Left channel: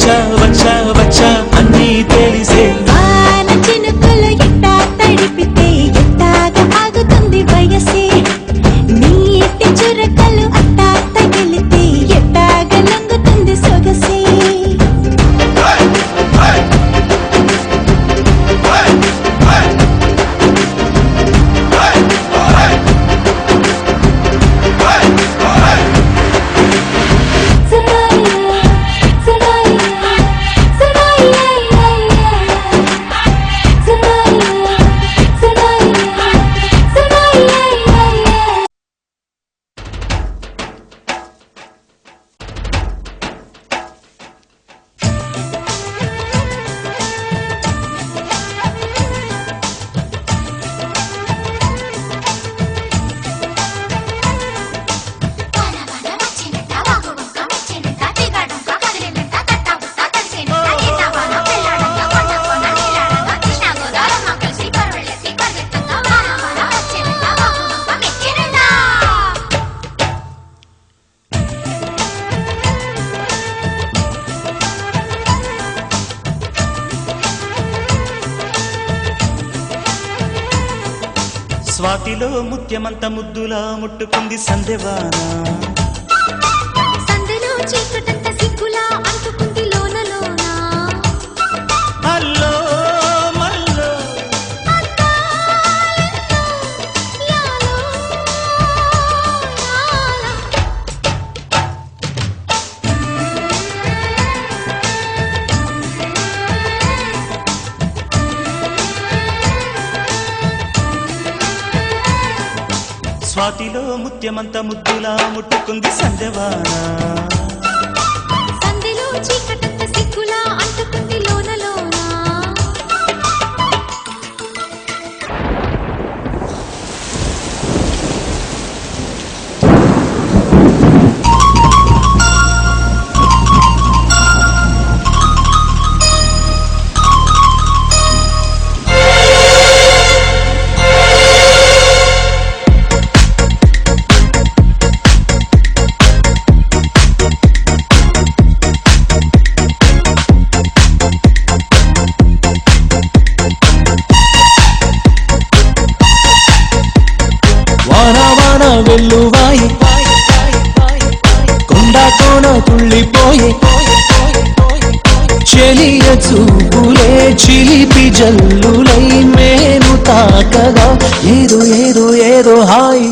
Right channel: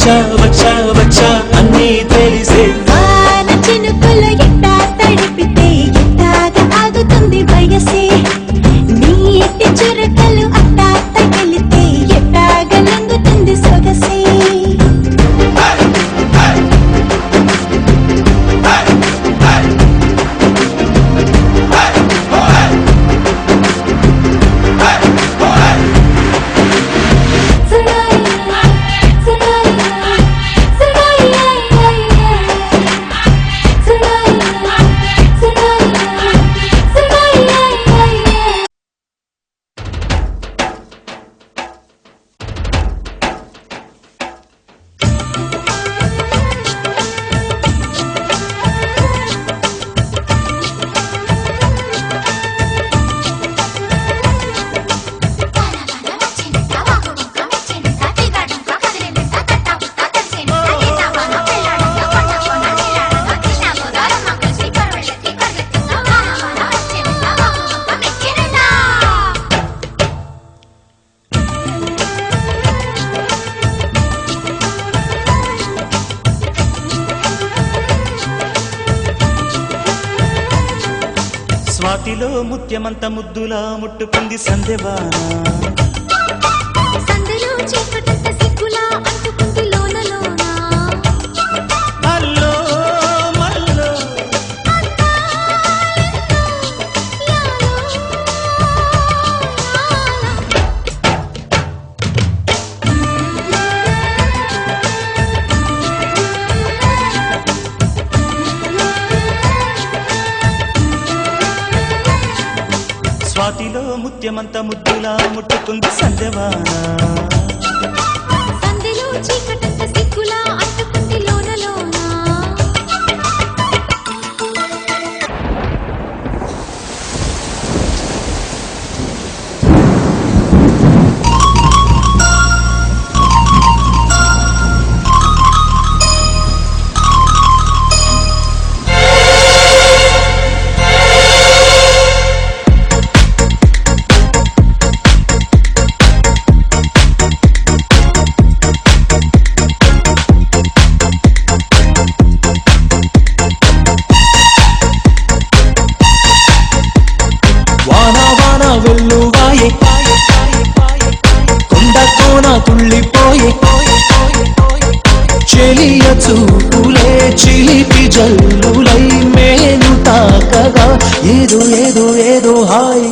వచ్చా వచ్చా వచ్చా అన్నీ తెలిసే వాన చినుకులు ఎట్టా తడిపితే ఎట్టాగా ఆగుతుంది వయసే నీటి చురకలు అట్టా తగిలితే ఎట్టాగా లంగుతుంది సొగసే స్వాతిలో ముత్యమంత ముద్దులా ముట్టుకుంది సందెవాన సందెలో చీకటంత సిగ్గులా అంటుకుంది లోన లోన అల్లో మల్లో స్వాతిలో ముత్యమంత ముద్దులా ముట్టుకుంది సందెవాన సందెలో చీకటంత సిగ్గులా అంటుకుంది లోన లోన తుళ్ళిపోయి చెలియ చూపులే చిలిపి జల్లులై మేను తాకగా ఏదో ఏదో ఏదో హాయి